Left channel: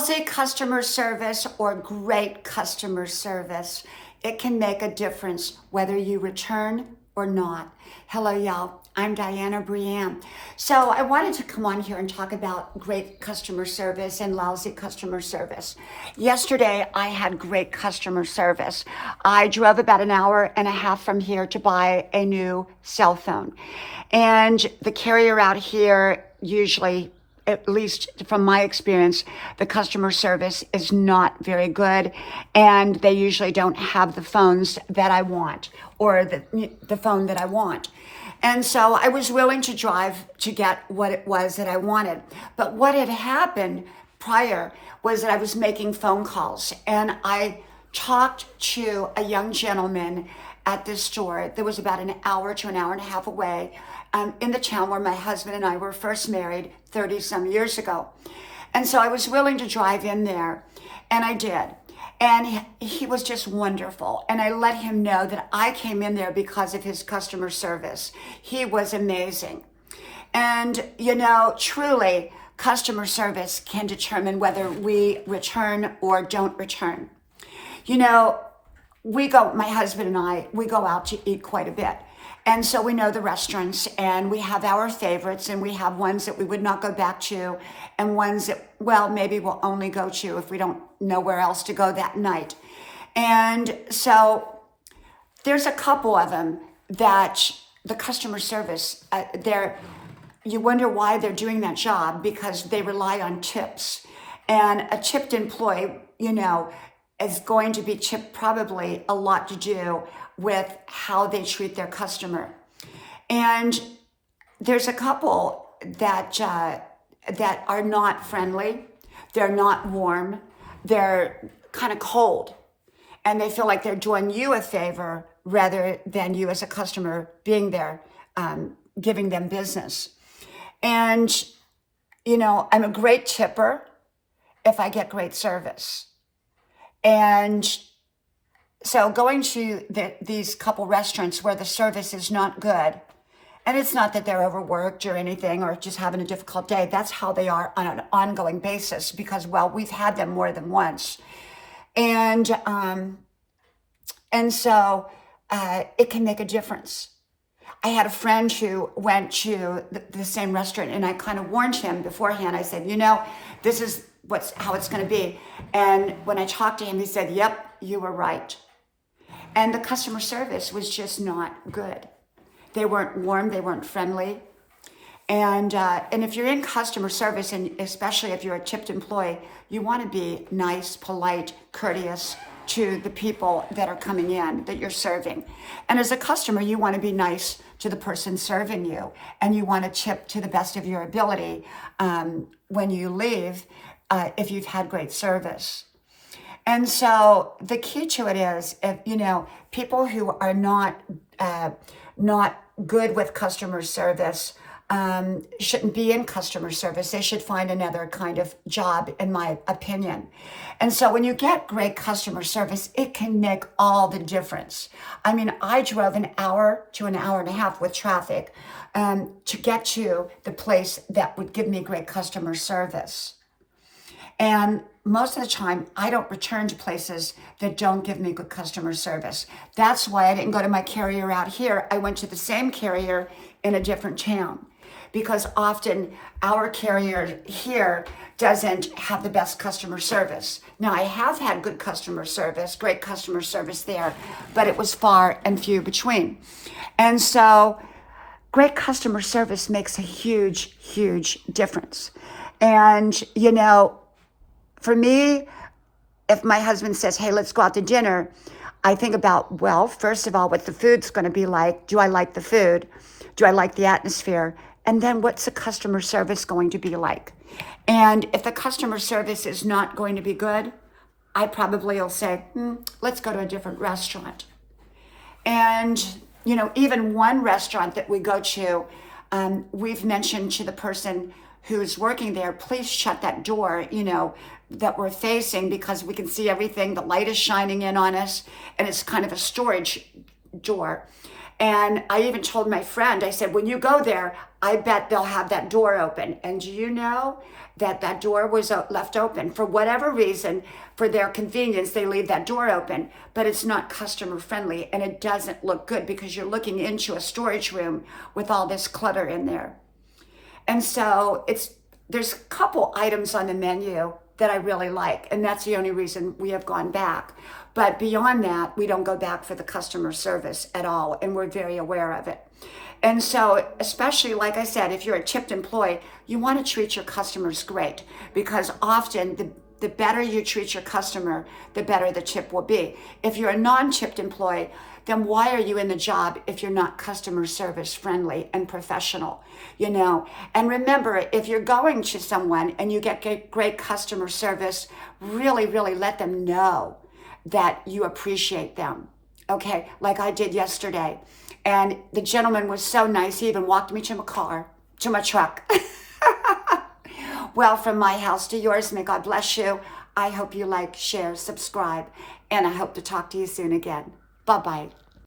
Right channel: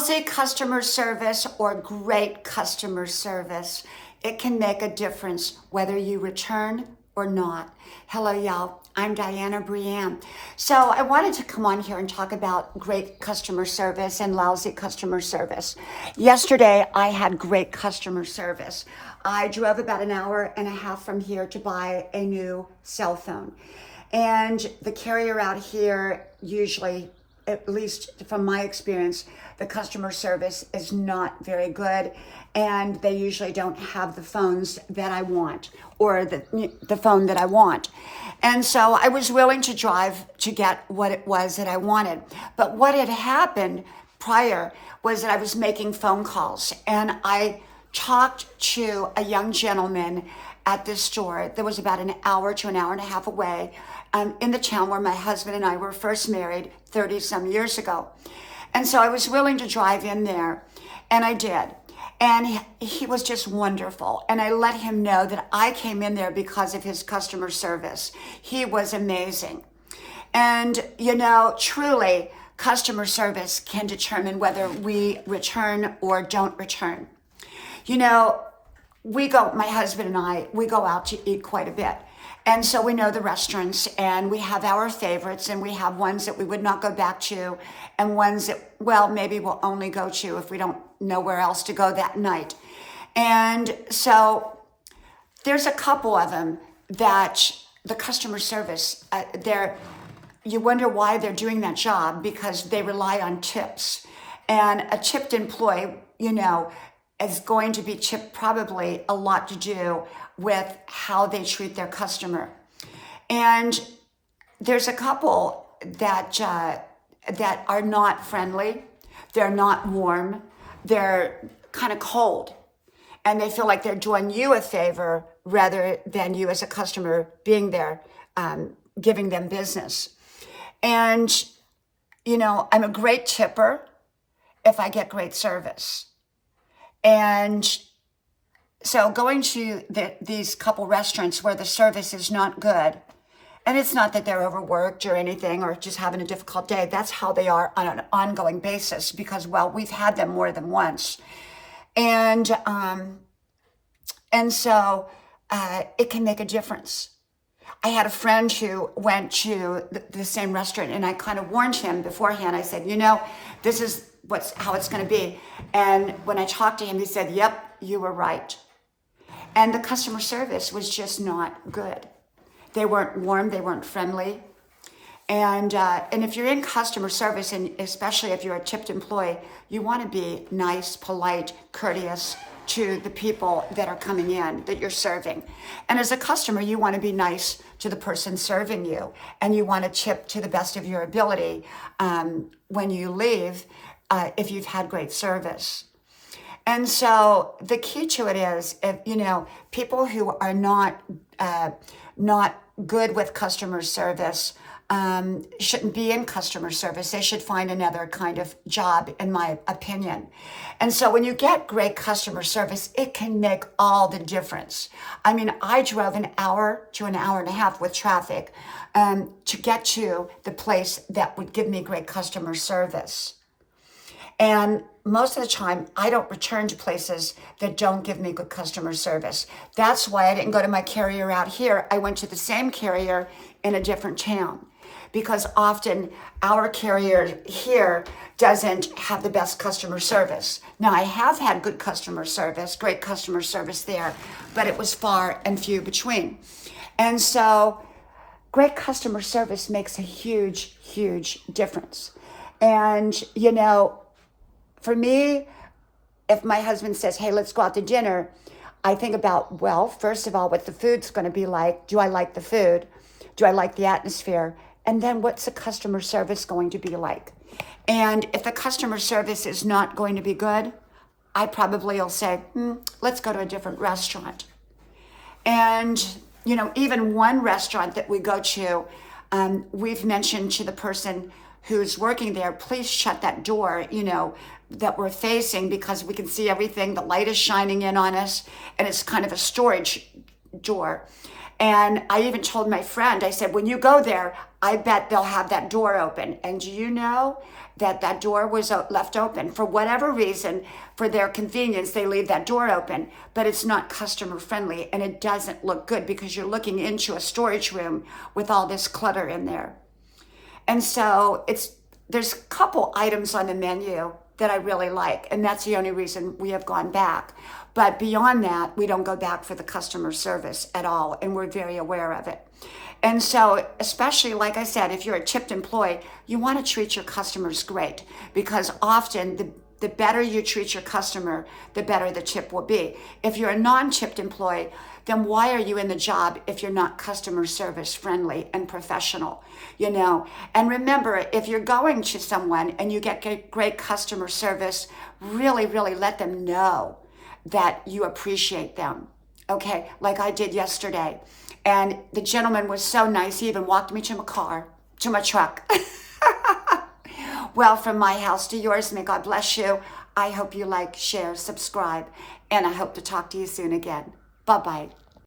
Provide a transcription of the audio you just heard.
Lousy customer service or great customer service, it can make a difference whether you return or not. Hello, y'all. I'm Diana Brienne. So I wanted to come on here and talk about great customer service and lousy customer service. Yesterday, I had great customer service. I drove about an hour and a half from here to buy a new cell phone. And the carrier out here usually, at least from my experience, the customer service is not very good, and they usually don't have the phones that I want or the phone that I want. And so I was willing to drive to get what it was that I wanted. But what had happened prior was that I was making phone calls, and I talked to a young gentleman at this store that was about an hour to an hour and a half away in the town where my husband and I were first married 30 some years ago. And so I was willing to drive in there, and I did. And he was just wonderful. And I let him know that I came in there because of his customer service. He was amazing. And, you know, truly, customer service can determine whether we return or don't return. You know, my husband and I, we go out to eat quite a bit. And so we know the restaurants, and we have our favorites, and we have ones that we would not go back to, and ones that, well, maybe we'll only go to if we don't know where else to go that night. And so there's a couple of them that the customer service, you wonder why they're doing that job, because they rely on tips. And a tipped employee, you know, is going to be tipped probably a lot to do with how they treat their customer. And there's a couple that are not friendly, they're not warm, they're kind of cold, and they feel like they're doing you a favor rather than you as a customer being there, giving them business. And, you know, I'm a great tipper if I get great service. And so going to these couple restaurants where the service is not good, and it's not that they're overworked or anything or just having a difficult day, that's how they are on an ongoing basis because, well, we've had them more than once. And so it can make a difference. I had a friend who went to the same restaurant, and I kind of warned him beforehand. I said, you know, this is how it's going to be. And when I talked to him, he said, yep, you were right. And the customer service was just not good. They weren't warm, they weren't friendly. And if you're in customer service, and especially if you're a tipped employee, you want to be nice, polite, courteous to the people that are coming in, that you're serving. And as a customer, you want to be nice to the person serving you, and you want to tip to the best of your ability when you leave if you've had great service. And so the key to it is, you know, people who are not good with customer service shouldn't be in customer service. They should find another kind of job, in my opinion. And so when you get great customer service, it can make all the difference. I mean, I drove an hour to an hour and a half with traffic to get to the place that would give me great customer service. And most of the time, I don't return to places that don't give me good customer service. That's why I didn't go to my carrier out here. I went to the same carrier in a different town, because often our carrier here doesn't have the best customer service. Now, I have had good customer service, great customer service there, but it was far and few between. And so great customer service makes a huge, huge difference. And, you know, for me, if my husband says, hey, let's go out to dinner, I think about, well, first of all, what the food's going to be like. Do I like the food? Do I like the atmosphere? And then what's the customer service going to be like? And if the customer service is not going to be good, I probably will say, let's go to a different restaurant. And, you know, even one restaurant that we go to, we've mentioned to the person who's working there, please shut that door, you know, that we're facing, because we can see everything. The light is shining in on us, and it's kind of a storage door. And I even told my friend, I said, when you go there, I bet they'll have that door open. And do you know that door was left open. For whatever reason, for their convenience, they leave that door open, but it's not customer friendly and it doesn't look good because you're looking into a storage room with all this clutter in there. And so there's a couple items on the menu that I really like, and that's the only reason we have gone back. But beyond that, we don't go back for the customer service at all, and we're very aware of it. And so, especially, like I said, if you're a tipped employee, you want to treat your customers great, because often the better you treat your customer, the better the tip will be. If you're a non-tipped employee, then why are you in the job if you're not customer service friendly and professional, And remember, if you're going to someone and you get great customer service, really, really let them know that you appreciate them, okay? Like I did yesterday. And the gentleman was so nice, he even walked me to my truck. Well, from my house to yours, may God bless you. I hope you like, share, subscribe, and I hope to talk to you soon again. Bye-bye.